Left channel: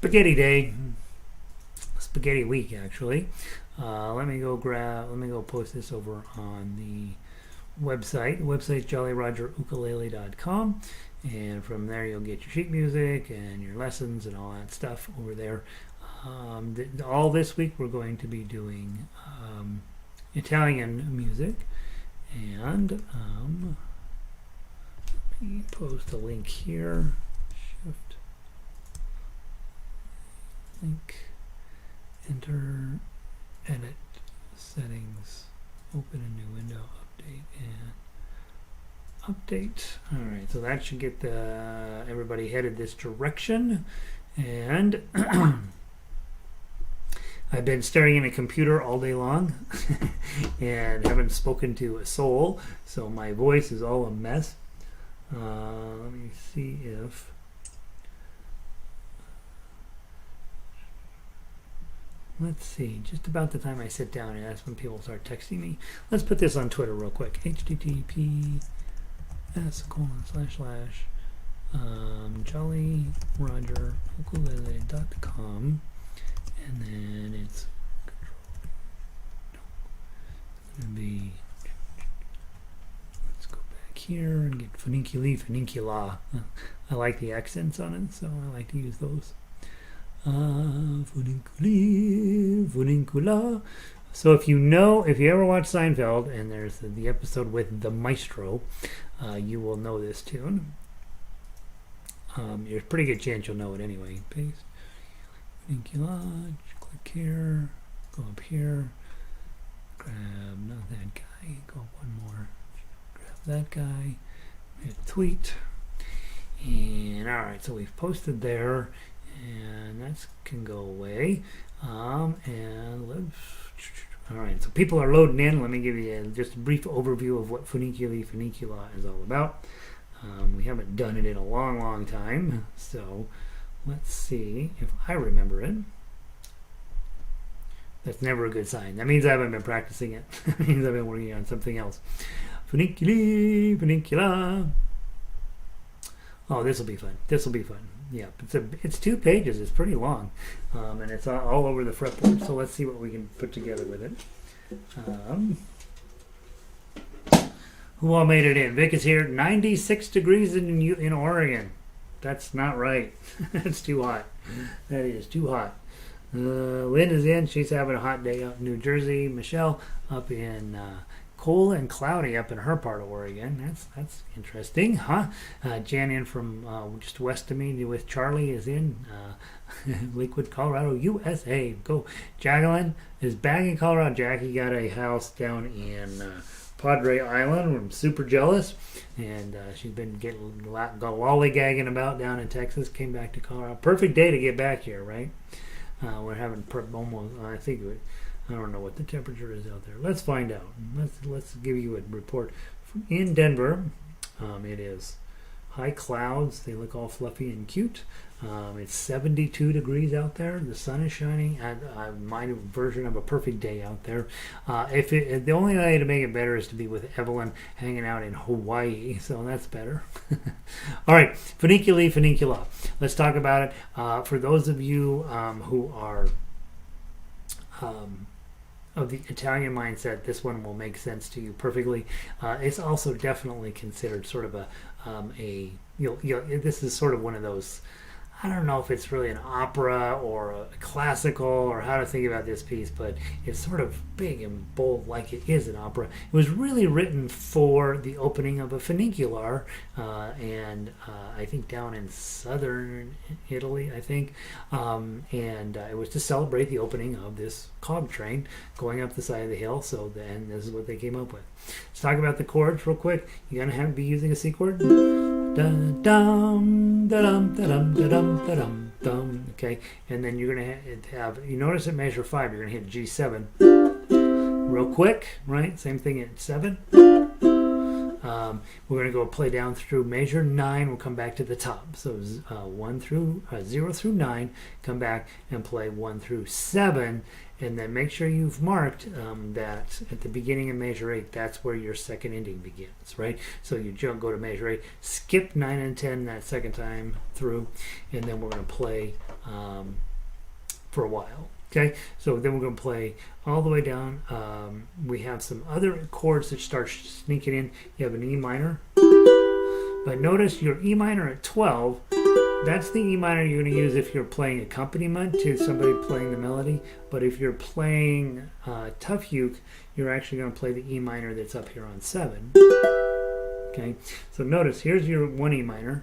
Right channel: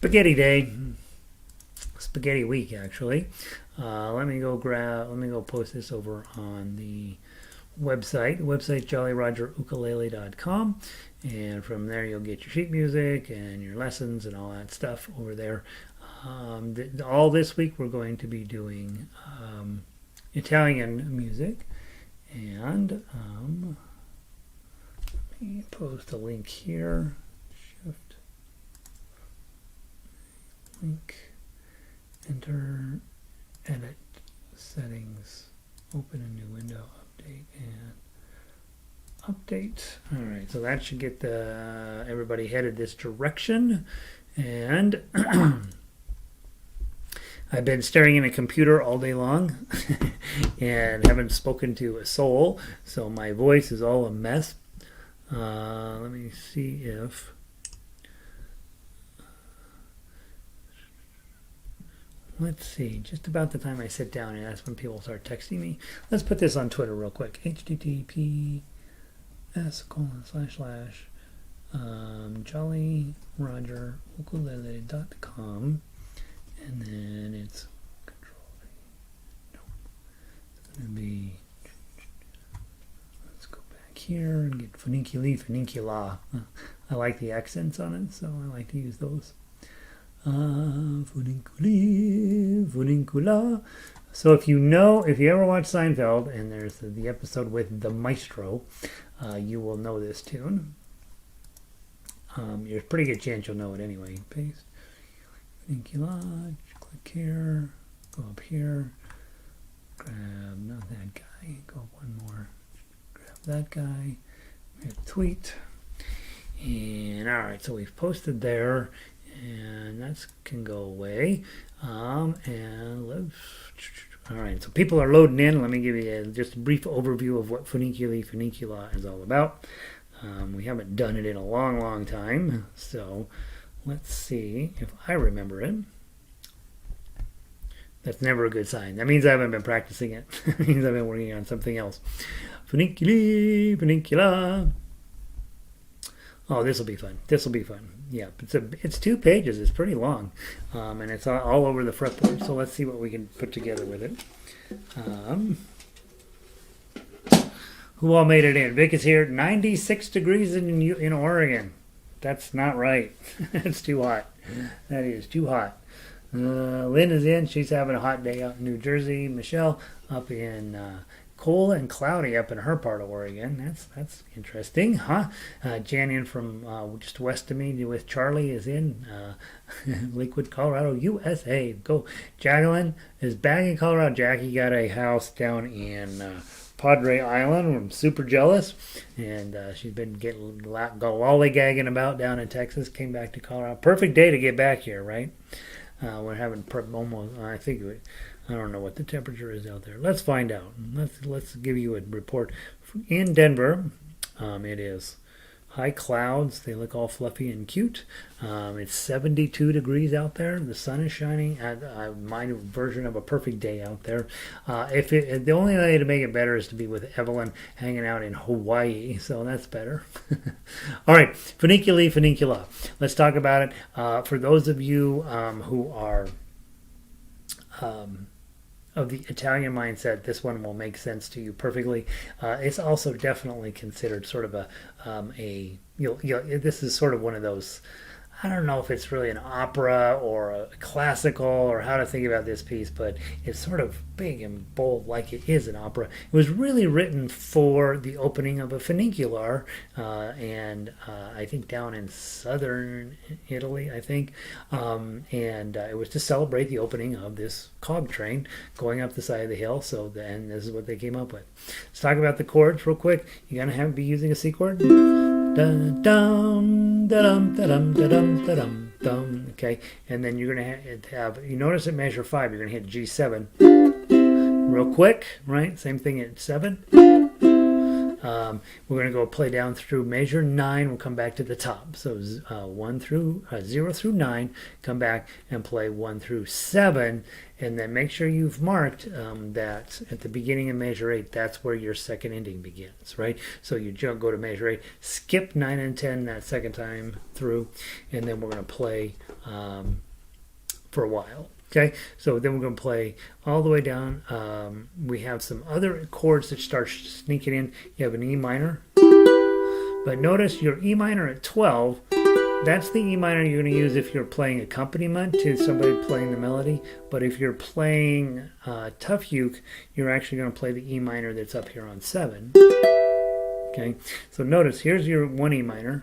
spaghetti day, spaghetti week actually. Let me go post this over on the website. The website's jollyrogerukulele.com, and from there you'll get your sheet music and your lessons and all that stuff over there. All this week we're going to be doing Italian music, and let me post a link here. Shift, link, enter, edit, settings, open a new window, update, and update. All right, so that should get everybody headed this direction. And I've been staring at a computer all day long and haven't spoken to a soul, so my voice is all a mess. Let me see if let's see, just about the time I sit down, and that's when people start texting me. Let's put this on Twitter real quick. https://jollyrogerukulele.com, and then it's going to be, let's go back here and get Funiculà. I like the accents on it, so I like to use those. Funiculà. So if you ever watch Seinfeld, and there's the episode with the maestro, you will know this tune. There's a pretty good chance you'll know it anyway. Paste. Funiculà. Click here. Go up here. Grab not that guy. Go up one more. Grab that guy. Hit tweet. And alright, so we've posted there. And that can go away. And let's. All right, so people are loading in. Let me give you just a brief overview of what Funiculà is all about. We haven't done it in a long, long time, so let's see if I remember it. That's never a good sign. That means I haven't been practicing it. That means I've been working on something else. Funiculà. Oh, this will be fun. This will be fun. Yeah, it's 2 pages. It's pretty long, and it's all over the fretboard. So let's see what we can put together with it. Who all made it in? Vic is here. 96 degrees in Oregon. That's not right. That's too hot. That is too hot. Lynn is in. She's having a hot day out in New Jersey. Michelle up in cold and cloudy up in her part of Oregon. That's interesting, huh? Jan in from just west of me with Charlie is in Lakewood, Colorado, USA. Go. Jacqueline is back in Colorado. Jackie got a house down in Padre Island. I'm super jealous, and she's been getting lollygagging about down in Texas. Came back to Colorado. Perfect day to get back here, right? We're having almost. I don't know what the temperature is out there. Let's find out. Let's give you a report. In Denver, it is high clouds. They look all fluffy and cute. It's 72 degrees out there. The sun is shining. My version of a perfect day out there. The only way to make it better is to be with Evelyn hanging out in Hawaii. So that's better. All right, Funiculà. Let's talk about it. For those of you who are of the Italian mindset, this one will make sense to you perfectly. It's also definitely considered sort of this is sort of one of those, I don't know if it's really an opera or a classical or how to think about this piece, but it's sort of big and bold like it is an opera. It was really written for the opening of a funicular, and I think down in southern Italy, I think, and it was to celebrate the opening of this cog train going up the side of the hill. So then this is what they came up with. Let's talk about the chords real quick. You're going to be using a C chord. Dun, dum, da-dum, da-dum, da-dum, da-dum, dum. Okay, and then you're going to have, you notice at measure 5, you're going to hit G7 real quick, right? Same thing at 7. We're going to go play down through measure 9. We'll come back to the top. So 0 through 9, come back and play 1 through 7. And then make sure you've marked that at the beginning of measure 8, that's where your second ending begins, right? So you go to measure 8, skip 9 and 10 that second time through, and then we're going to play for a while. Okay, so then we're going to play all the way down. We have some other chords that start sneaking in. You have an E minor, but notice your E minor at 12, that's the E minor you're going to use if you're playing accompaniment to somebody playing the melody. But if you're playing tough uke, you're actually going to play the E minor that's up here on 7. Okay, so notice here's your 1 E minor.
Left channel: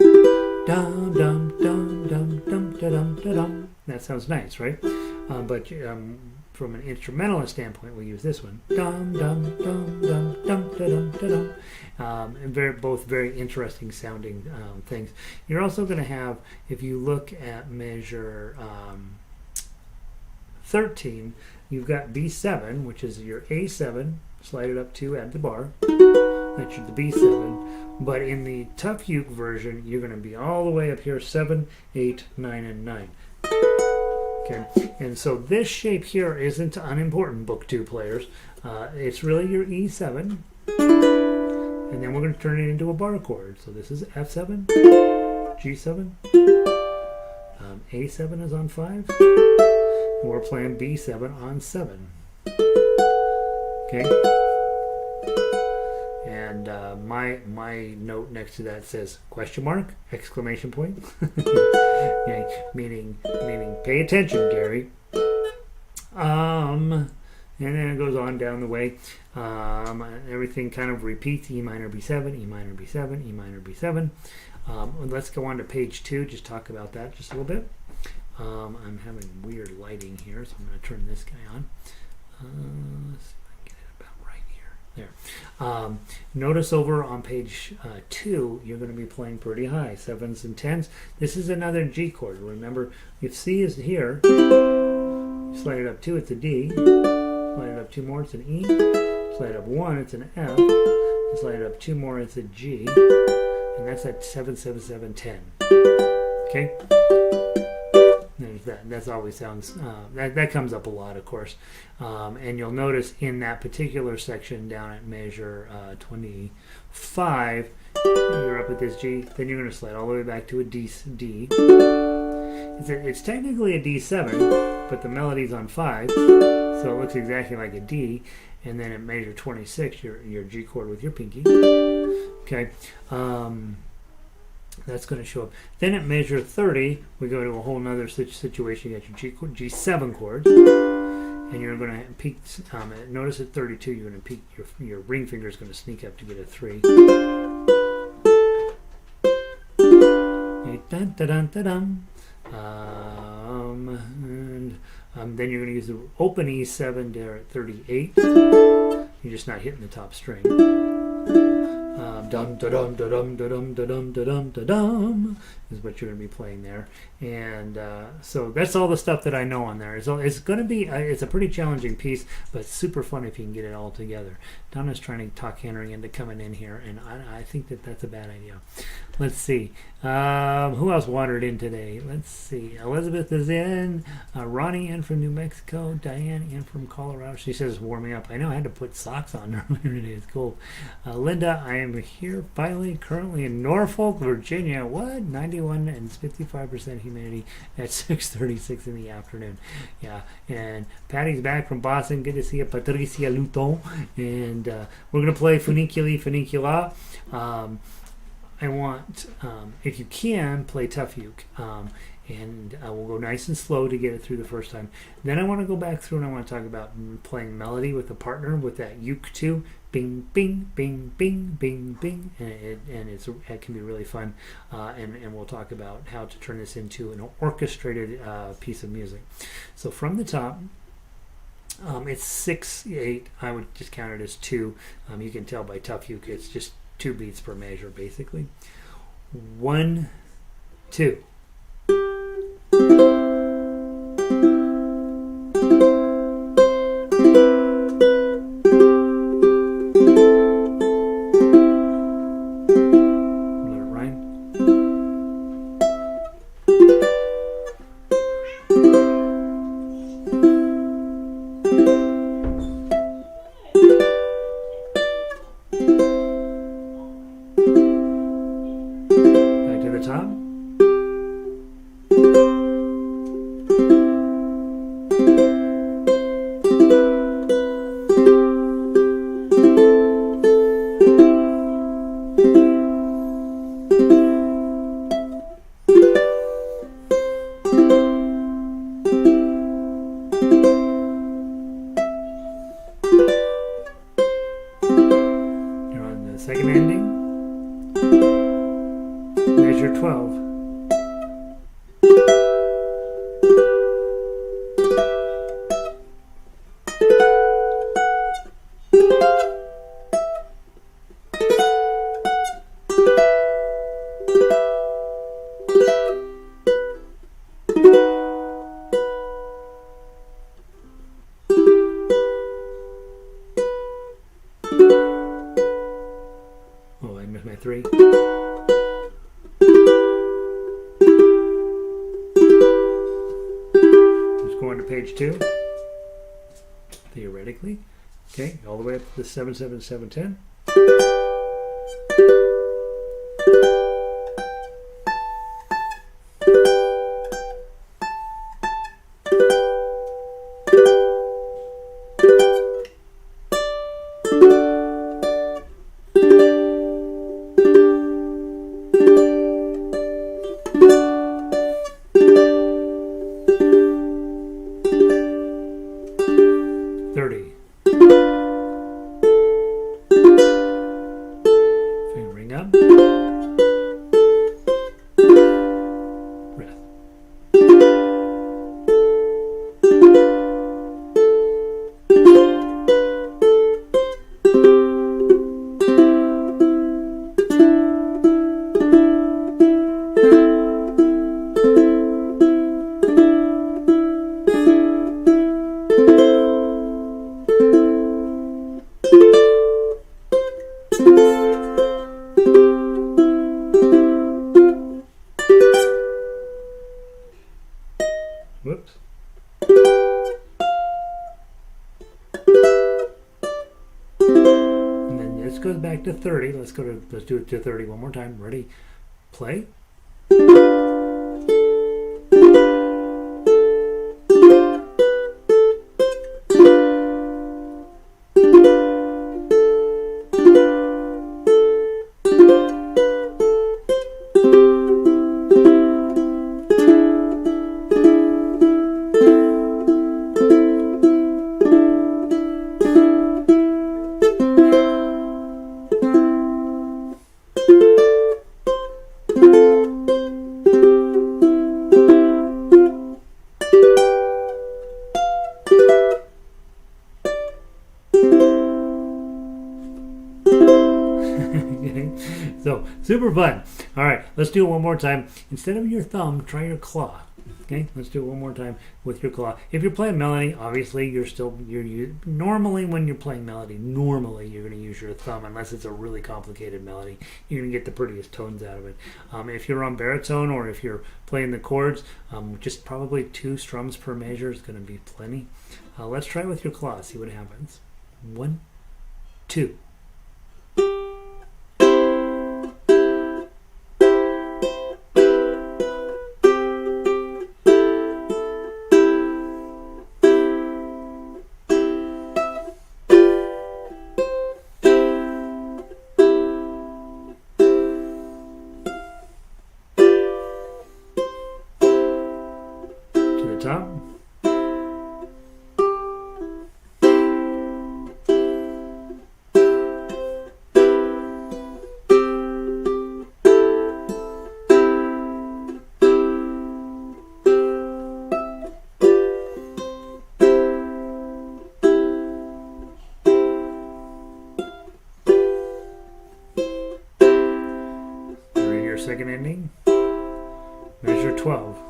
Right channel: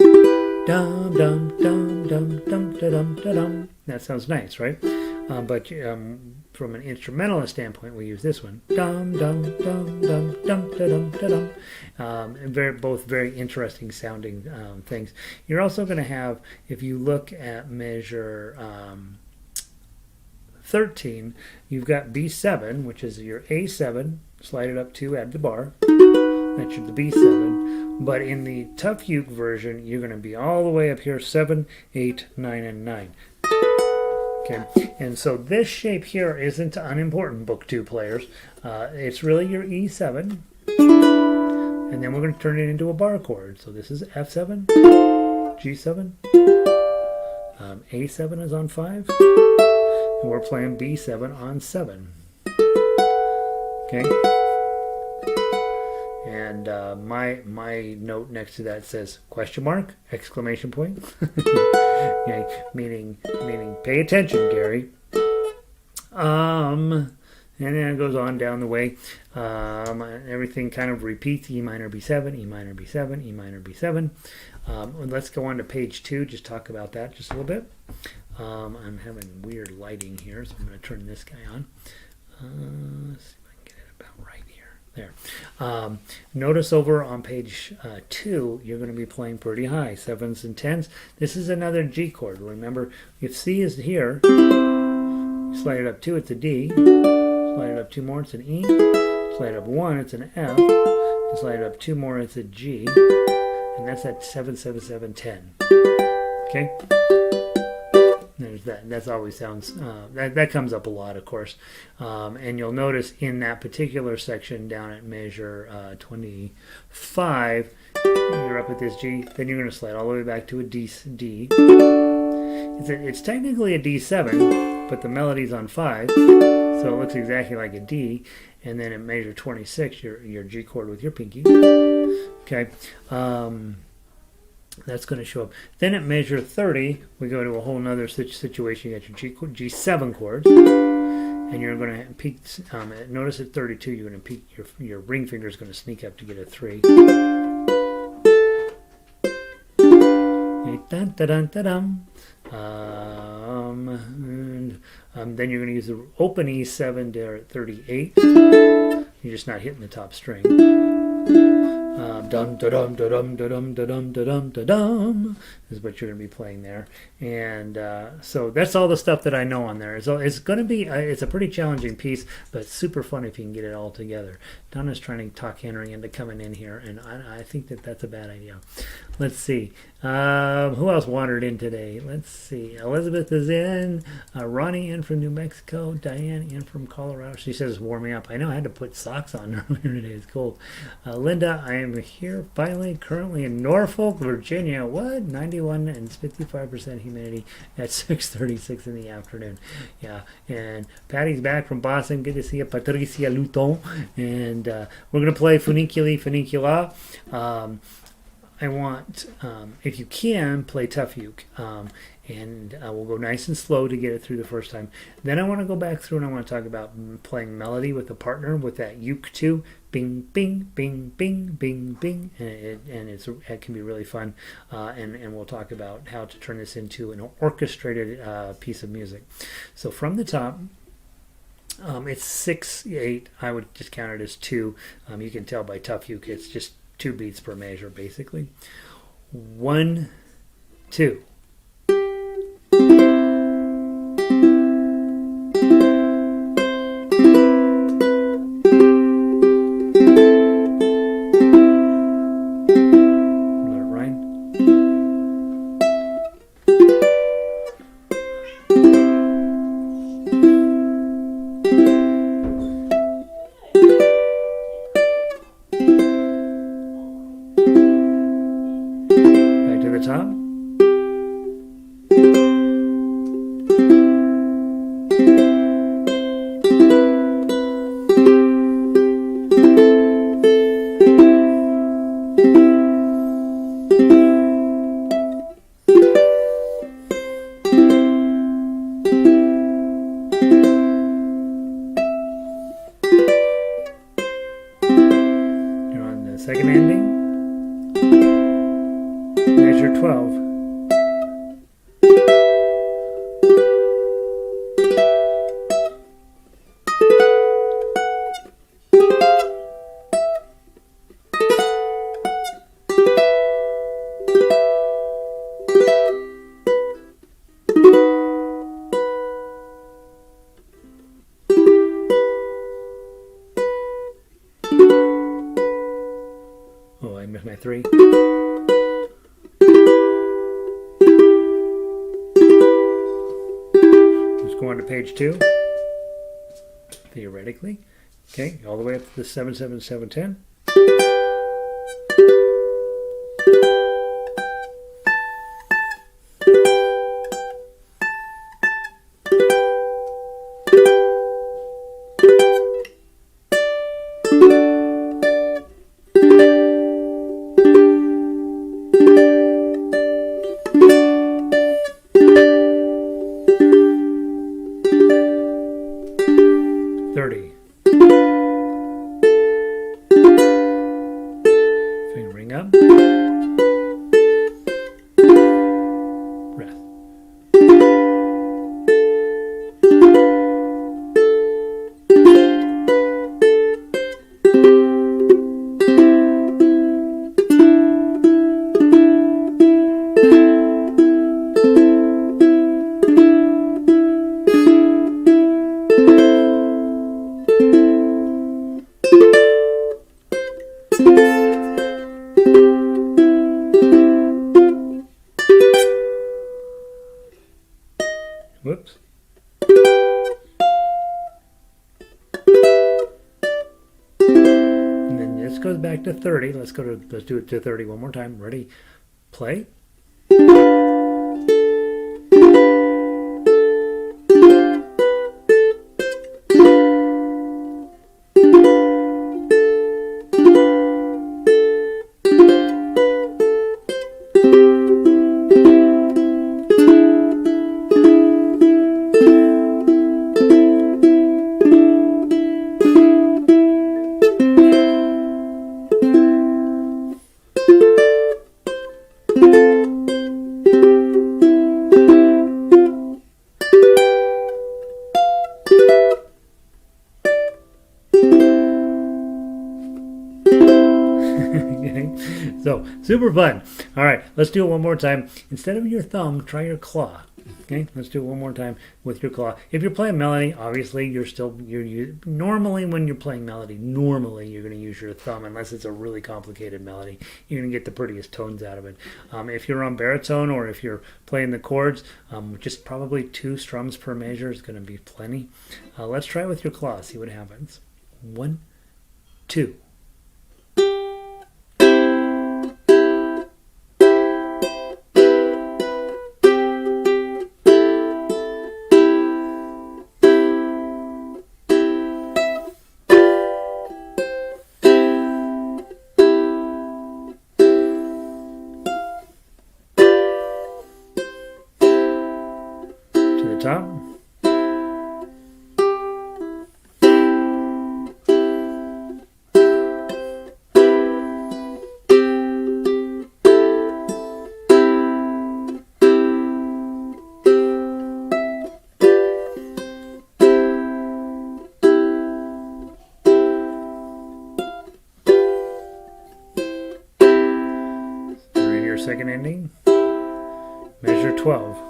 Dum dum dum dum dum da dum da dum. That sounds nice, right? But from an instrumentalist standpoint, we use this one. Dum dum dum dum dum da dum da dum. And both very interesting sounding things. You're also going to have, if you look at measure 13, you've got B7, which is your A7. Slide it up 2, add the bar. That's the B7. But in the tough uke version, you're going to be all the way up here, 7, 8, 9, and 9. Okay, and so this shape here isn't unimportant, Book 2 players. It's really your E7, and then we're going to turn it into a bar chord. So this is F7, G7, A7 is on 5, and we're playing B7 on 7. Okay. And my note next to that says question mark, exclamation point. Okay, meaning pay attention, Gary. And then it goes on down the way. Everything kind of repeats. E minor B7, E minor B7, E minor B7. Let's go on to page 2. Just talk about that just a little bit. I'm having weird lighting here, so I'm going to turn this guy on. Let's see. There. Notice over on page 2, you're going to be playing pretty high, 7s and 10s. This is another G chord. Remember, if C is here, slide it up 2, it's a D. Slide it up 2 more, it's an E. Slide it up 1, it's an F. And slide it up 2 more, it's a G. And that's at 7, 7, 7, 10. Okay? There's that. That's always sounds, that comes up a lot, of course. And you'll notice in that particular section down at measure 25, you're up at this G, then you're going to slide all the way back to a D. It's technically a D7, but the melody's on 5, so it looks exactly like a D. And then at measure 26, your G chord with your pinky. Okay. That's going to show up. Then at measure 30, we go to a whole nother situation. You got your G7 chords, and you're going to peak. Notice at 32, you're going to peak. Your ring finger is going to sneak up to get a 3. Dun, dun, dun, dun, dun. Then you're going to use the open E7 there at 38. You're just not hitting the top string. Dum da dum da dum da dum da dum da dum da dum is what you're going to be playing there, and so that's all the stuff that I know on there. So it's going to be it's a pretty challenging piece, but super fun if you can get it all together. Donna's trying to talk Henry into coming in here, and I think that's a bad idea. Let's see. Who else wandered in today? Let's see. Elizabeth is in. Ronnie in from New Mexico. Diane in from Colorado. She says it's warming up. I know I had to put socks on earlier today. It's cold. Linda, I am here finally, currently in Norfolk, Virginia. What? 91 and 55% humidity at 6:36 in the afternoon. Yeah. And Patty's back from Boston. Good to see you, Patricia Luton. And we're going to play Funiculì, Funiculà. I want, if you can, play tough uke. And we'll go nice and slow to get it through the first time. Then I want to go back through and I want to talk about playing melody with a partner with that uke too. Bing, bing, bing, bing, bing, bing. And it can be really fun. And we'll talk about how to turn this into an orchestrated piece of music. So from the top, it's 6, 8. I would just count it as 2. You can tell by tough uke, it's just 2 beats per measure, basically. 1, 2. Oh, I missed my 3. Let's go on to page 2. Theoretically. Okay, all the way up to the 7, 7, 7, 10. Fingering up. Breath. Whoops. And then this goes back to 30. Let's do it to 30 one more time. Ready? Play. So, super fun. All right, let's do it one more time. Instead of your thumb, try your claw. Okay, let's do it one more time with your claw. If you're playing melody, obviously you're normally when you're playing melody, normally you're going to use your thumb unless it's a really complicated melody. You're going to get the prettiest tones out of it. If you're on baritone or if you're playing the chords, just probably 2 strums per measure is going to be plenty. Let's try it with your claw. See what happens. 1, 2. To the top. You're in your second ending. Measure 12.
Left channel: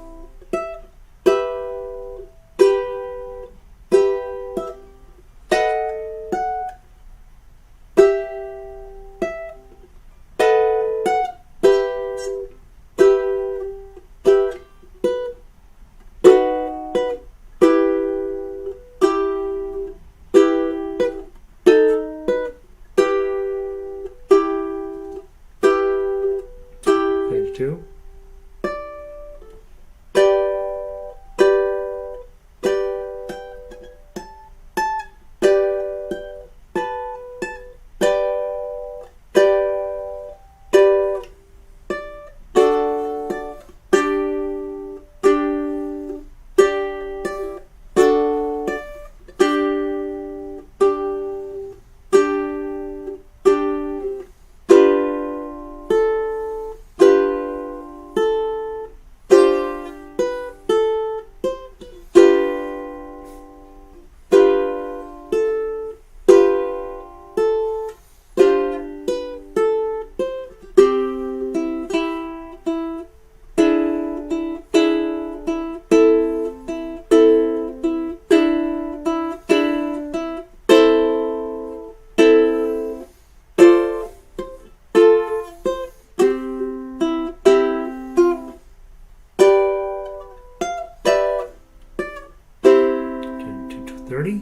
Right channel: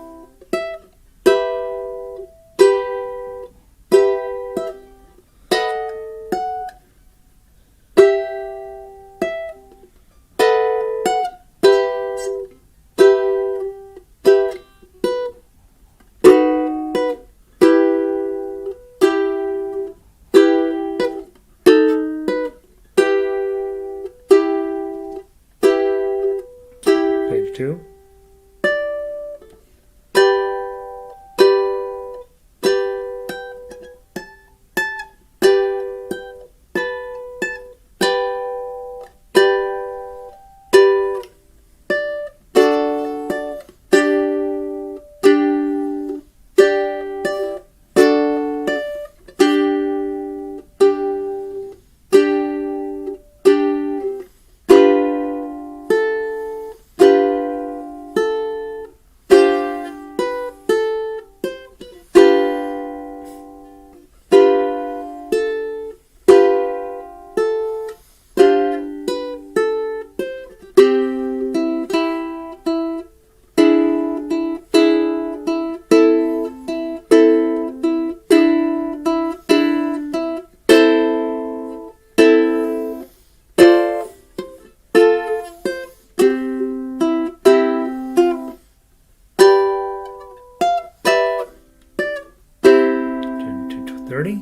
Page 2. 30.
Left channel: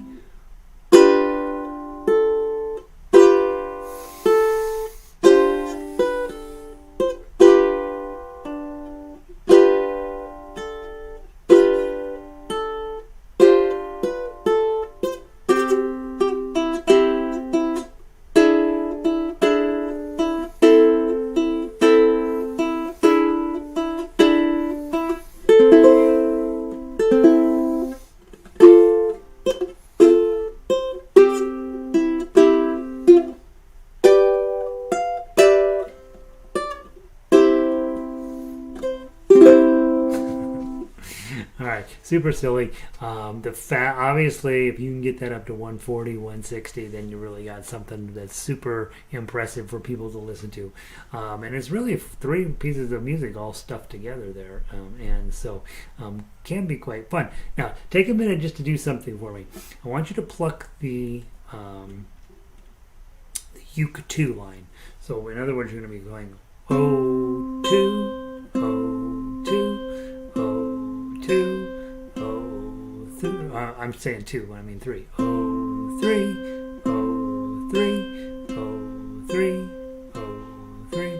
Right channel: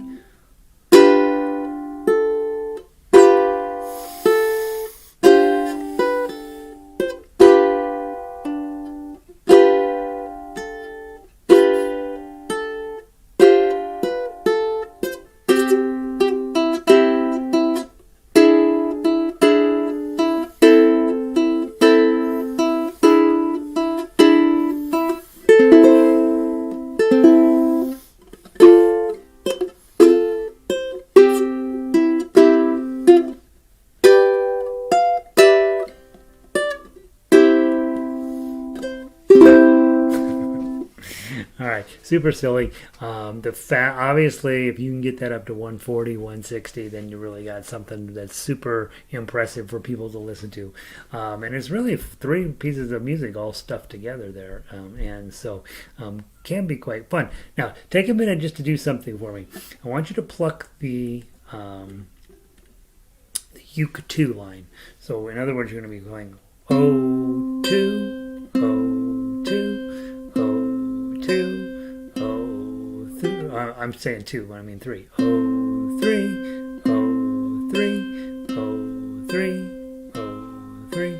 All right, super silly. Obviously, if you can get that up to 140, 160, then you really got something that's super impressive for people to listen to. And it's really three pieces of music all stuffed together there, and so can be quite fun. Now, take a minute just to do something for me. I want you to pluck the uke 2 line. So, in other words, you're going to be going O 2, O 2. Two, oh, three. I'm saying 2, but I mean 3. Oh, 3, oh, 3, oh, 3, oh, 3,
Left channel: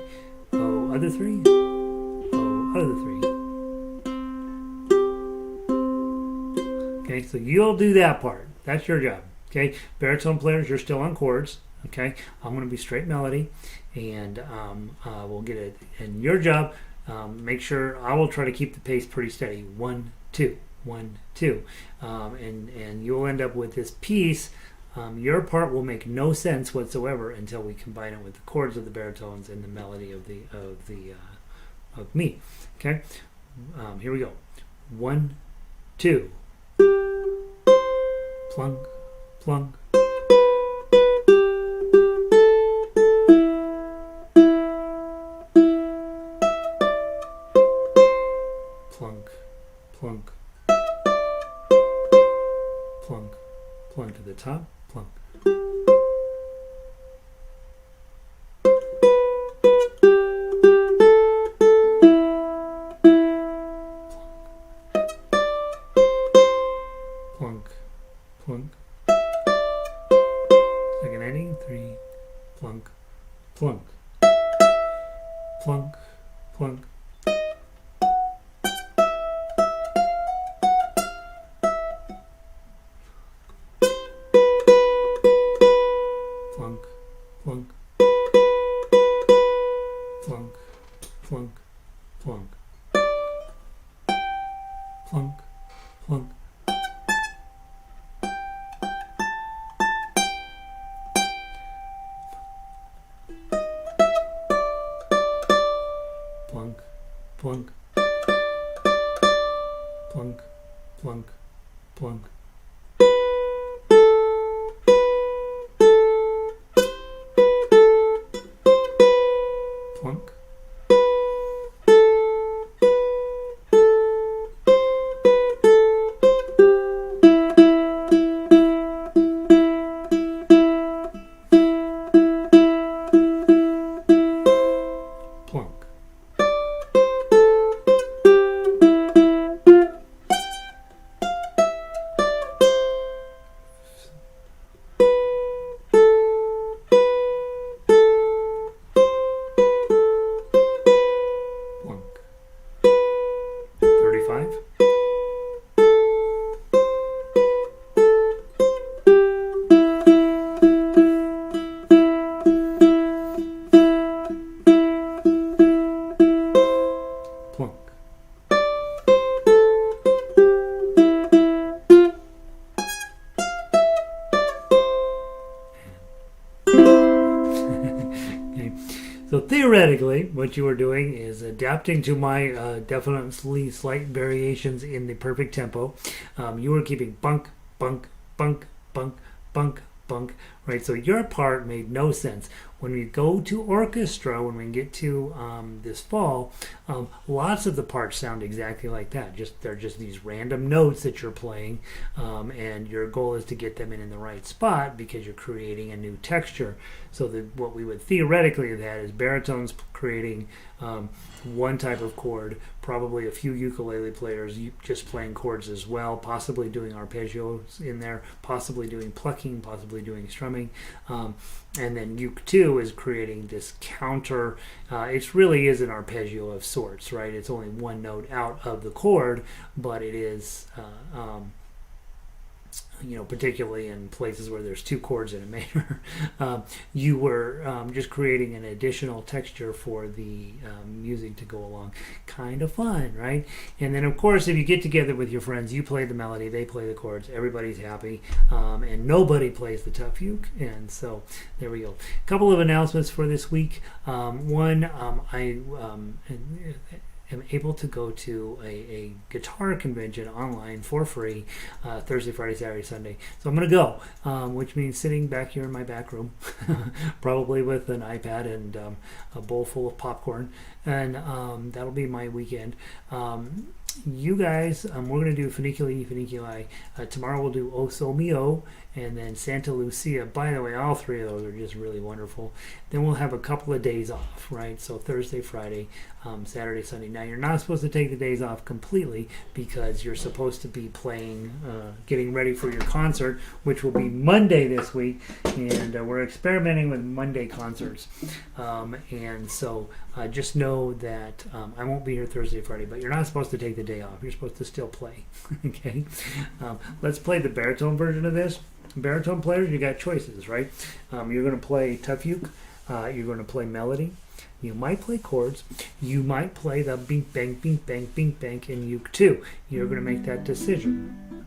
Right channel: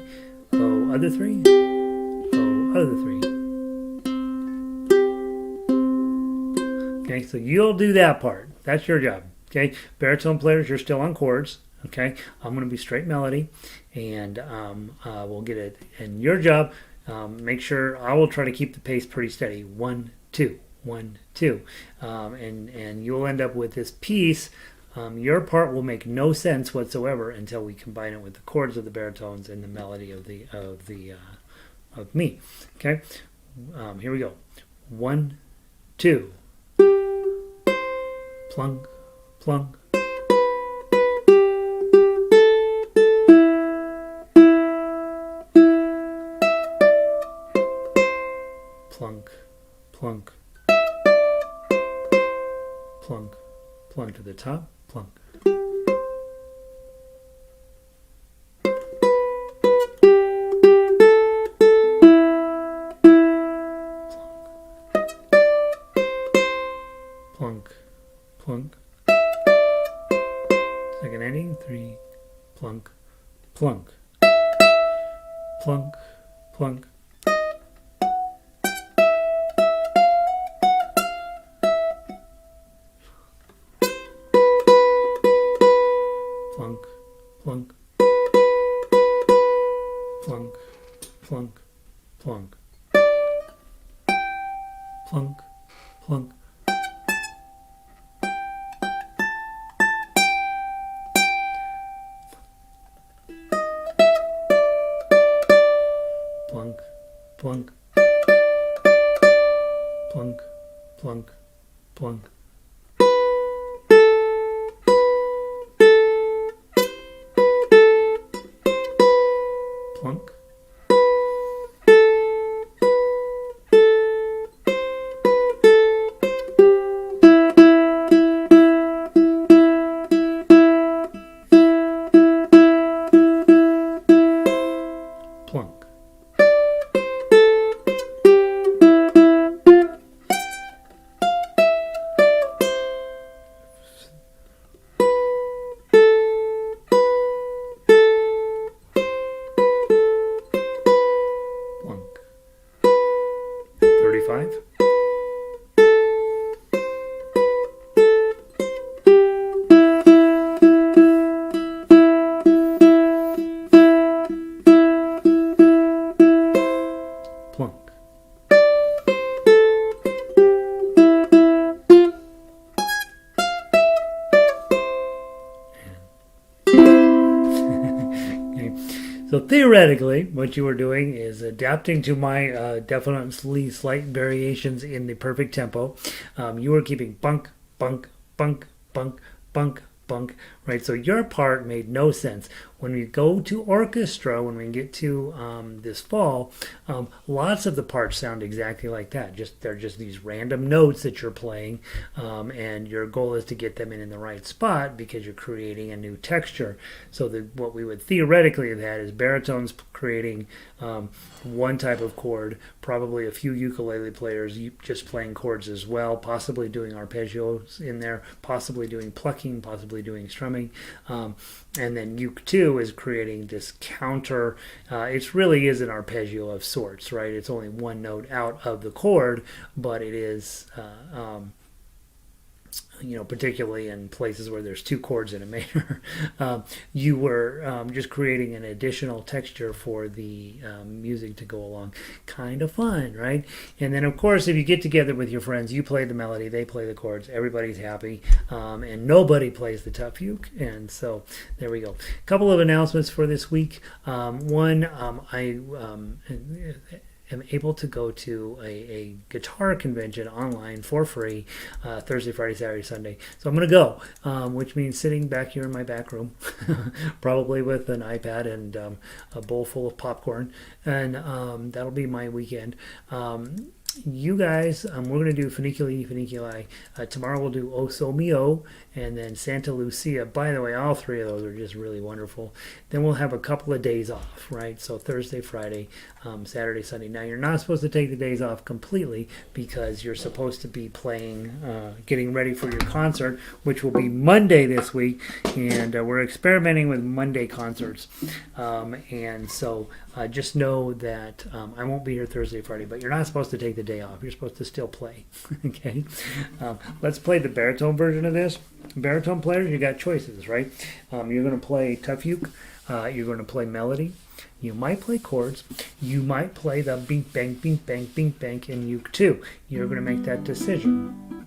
oh, other 3, oh, other 3. Okay, so you'll do that part. That's your job. Okay, baritone players, you're still on chords. Okay, I'm going to be straight melody, and we'll get it. And your job. Make sure I will try to keep the pace pretty steady. 1, 2, 1, 2, and you'll end up with this piece. Your part will make no sense whatsoever until we combine it with the chords of the baritones and the melody of me. Okay, here we go. 1, 2, plunk, plunk. Plunk, plunk, plunk, plunk to the top, plunk. Plunk, plunk. Second ending, 3, plunk, plunk, plunk, plunk. Plunk, plunk, plunk, plunk, plunk, plunk, plunk. Plunk, plunk, plunk, plunk, plunk. Plunk. Plunk. Plunk. 35. Plunk. Okay. So theoretically, what you were doing is adapting to my definitely slight variations in the perfect tempo. You were keeping bunk, bunk, bunk, bunk, bunk, bunk, right? So your part made no sense. When we go to orchestra, when we get to this fall, lots of the parts sound exactly like that. They're just these random notes that you're playing, and your goal is to get them in the right spot because you're creating a new texture. So what we would theoretically have had is baritones creating one type of chord, probably a few ukulele players just playing chords as well, possibly doing arpeggios in there, possibly doing plucking, possibly doing strumming, and then uke 2 is creating this counter. It really is an arpeggio of sorts, right? It's only one note out of the chord, but it is particularly in places where there's two chords in a major, you were just creating an additional texture for the music to go along. Kind of fun, right? And then, of course, if you get together with your friends, you play the melody, they play the chords, everybody's happy, and nobody plays the tough uke. And so there we go. A couple of announcements for this week. One, I am able to go to a guitar convention online for free Thursday, Friday, Saturday, Sunday. So I'm going to go, which means sitting back here in my back room, probably with an iPad and a bowl full of popcorn, and that'll be my weekend. You guys, we're going to do Funiculì, Funiculà. Tomorrow we'll do O So Mio, and then Santa Lucia. By the way, all three of those are just really wonderful. Then we'll have a couple of days off, right? So Thursday, Friday, Saturday, Sunday. Now, you're not supposed to take the days off completely because you're supposed to be playing, getting ready for your concert, which will be Monday this week, and we're experimenting with Monday concerts. And so just know that I won't be here Thursday, Friday, but you're not supposed to take the day off. You're supposed to still play. Okay? Let's play the baritone version of this. Baritone players, you got choices, right? You're going to play tough uke. You're going to play melody. You might play chords. You might play the bink bang, bink bang, bink bang in uke 2. You're going to make that decision.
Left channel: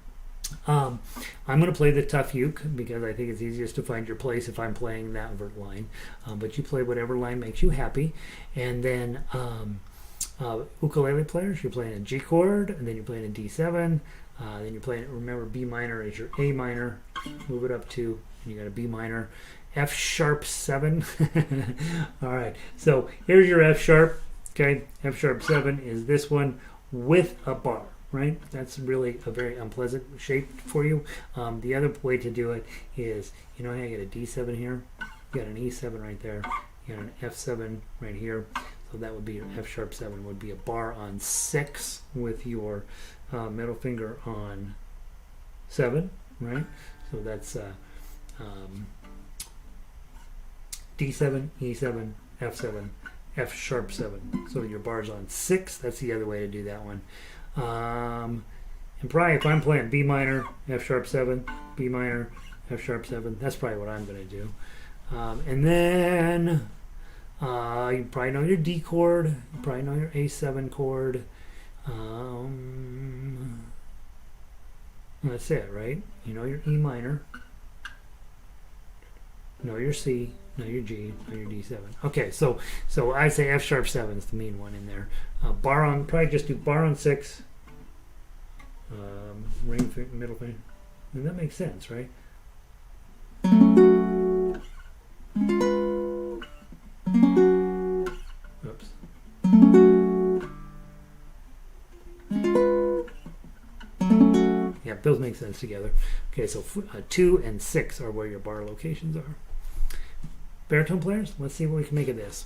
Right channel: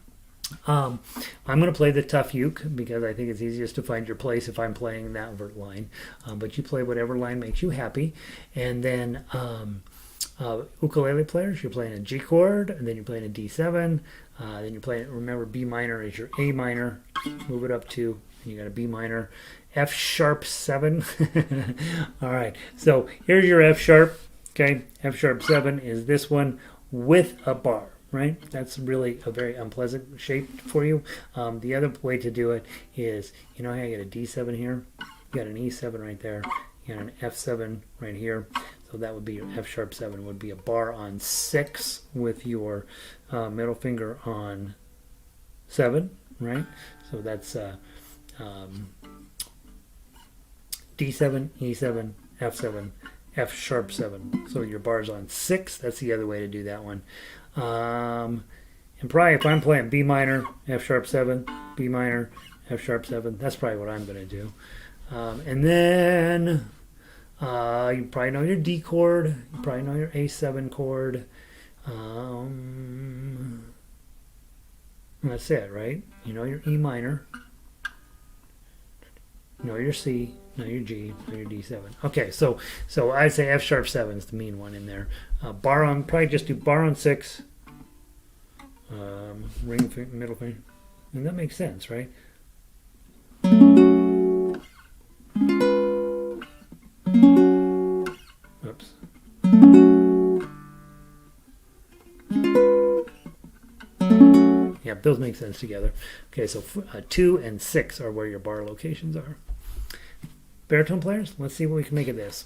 I'm going to play the tough uke because I think it's easiest to find your place if I'm playing that line. But you play whatever line makes you happy. And then ukulele players, you're playing a G chord, and then you're playing a D7. Then you're playing, remember, B minor is your A minor. Move it up 2, and you got a B minor. F sharp 7. All right, so here's your F sharp. Okay, F sharp 7 is this one with a bar, right? That's really a very unpleasant shape for you. The other way to do it is, you know how you got a D7 here? You got an E7 right there. You got an F7 right here. So that would be your F sharp 7 would be a bar on 6 with your middle finger on 7, right? So that's D7, E7, F7, F sharp 7. So your bar's on 6. That's the other way to do that one. And probably if I'm playing B minor, F sharp 7, B minor, F sharp 7, that's probably what I'm going to do. And then you probably know your D chord. You probably know your A7 chord. That's it, right? You know your E minor. You know your C. Know your G. Know your D7. Okay, so I'd say F sharp 7 is the mean one in there. Bar on, probably just do bar on 6. Ring finger, middle finger. And that makes sense, right? Oops. Yeah, those make sense together. Okay, so 2 and 6 are where your bar locations are. Baritone players, let's see what we can make of this.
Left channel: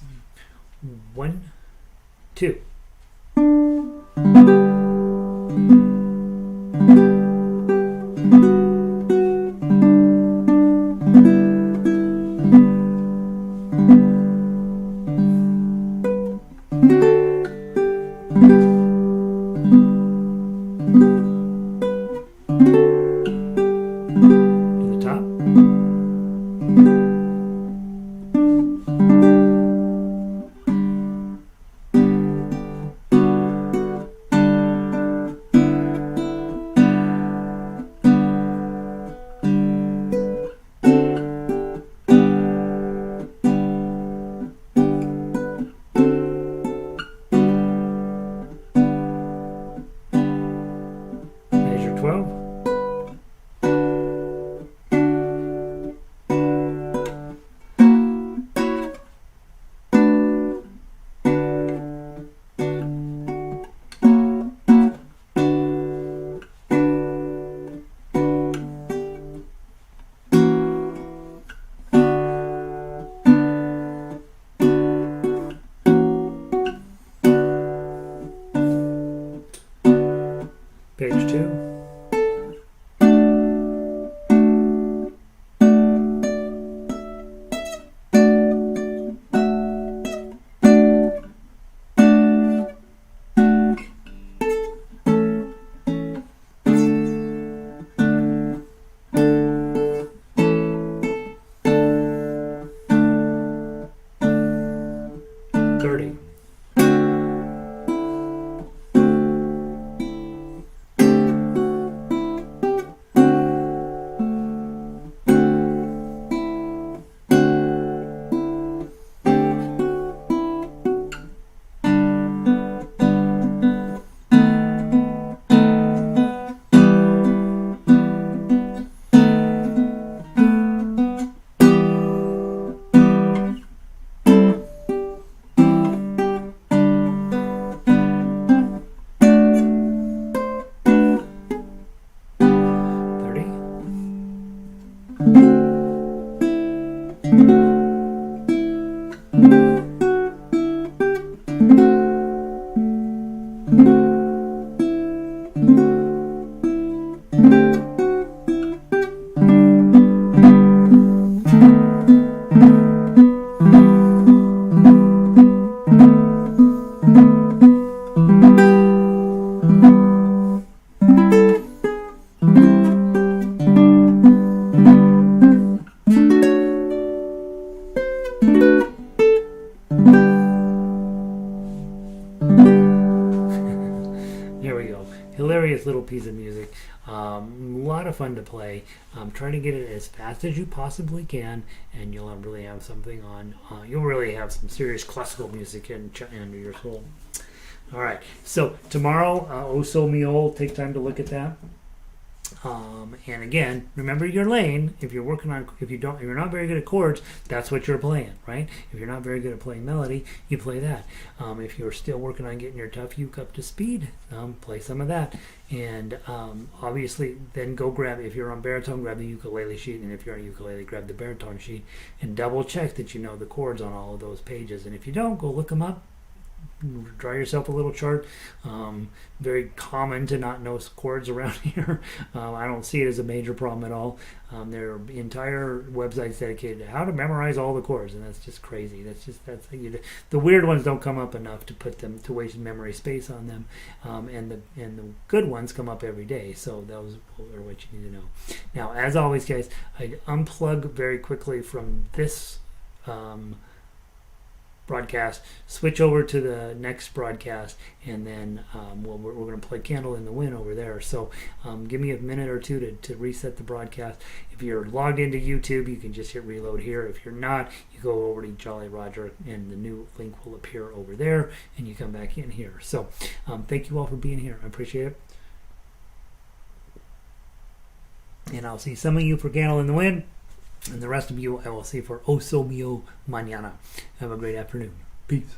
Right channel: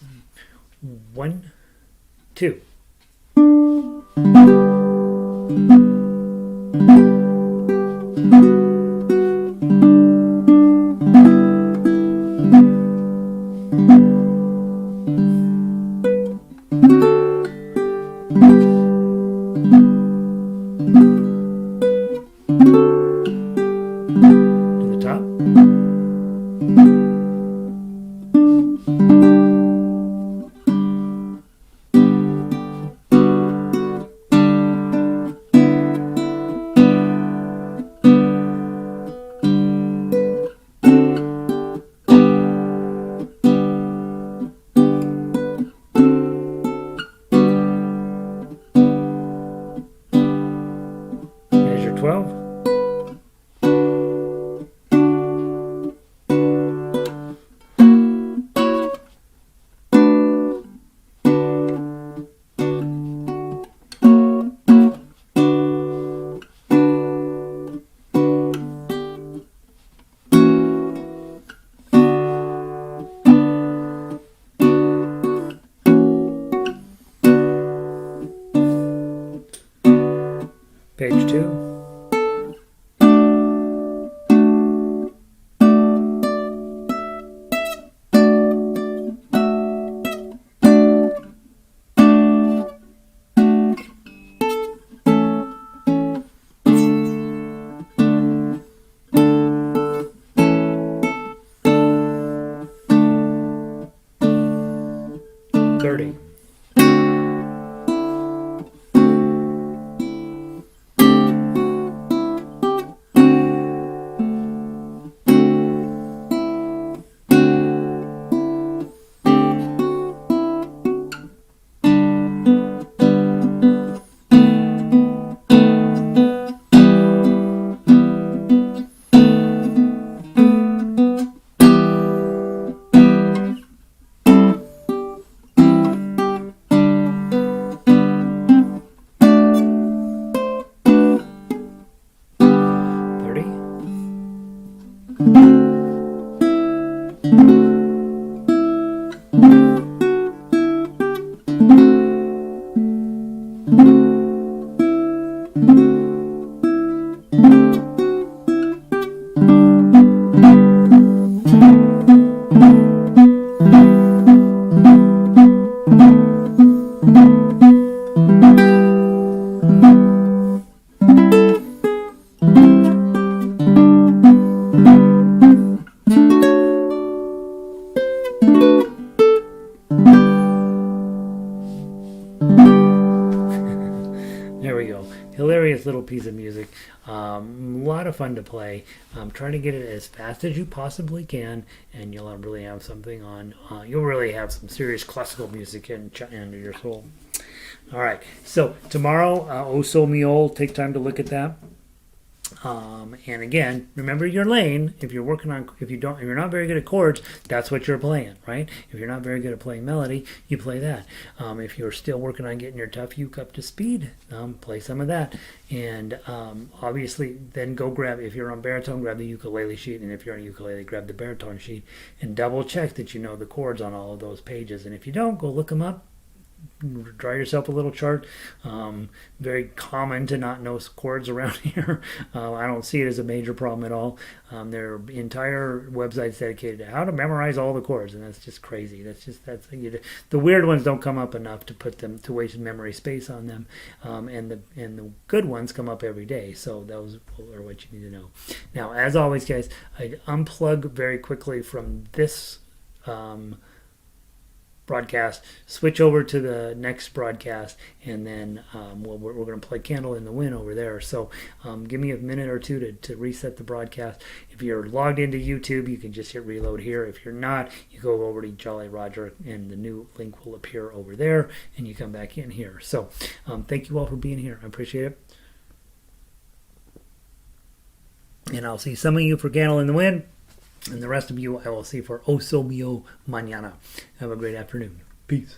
1, 2. Page 2. $30. There we go. Hilarious little piece of music. A lot of fun to play. Trying to get it as fast as you possibly can, and you'll really have something on. You'll really have some serious classical music under your soul. All right. So tomorrow, O Sol Mio, take time to look at that. And again, remember your lane. If you're not very good at chords, that's what you're playing, right? If you're not very good at playing melody, you play that. If you're still working on getting your tough uke up to speed, play some of that. And obviously, then go grab, if you're on baritone, grab the ukulele sheet, and if you're on ukulele, grab the baritone sheet, and double check that you know the chords on all of those pages. And if you don't, go look them up. Draw yourself a little chart. Very common to not know chords around here. I don't see it as a major problem at all. There are entire websites dedicated to how to memorize all the chords, and that's just crazy. The weird ones don't come up enough to put them to waste memory space on them, and the good ones come up every day. So those are what you need to know. Now, as always, guys, I unplug very quickly from this broadcast, switch over to the next broadcast, and then we're going to play Candle in the Wind over there. So give me a minute or two to reset the broadcast. If you're logged into YouTube, you can just hit reload here. If you're not, you go over to Jolly Roger, and the new link will appear over there, and you come back in here. So thank you all for being here. I appreciate it. And I'll see some of you for Candle in the Wind. And the rest of you I will see for O Sol Mio Mañana. Have a great afternoon. Peace.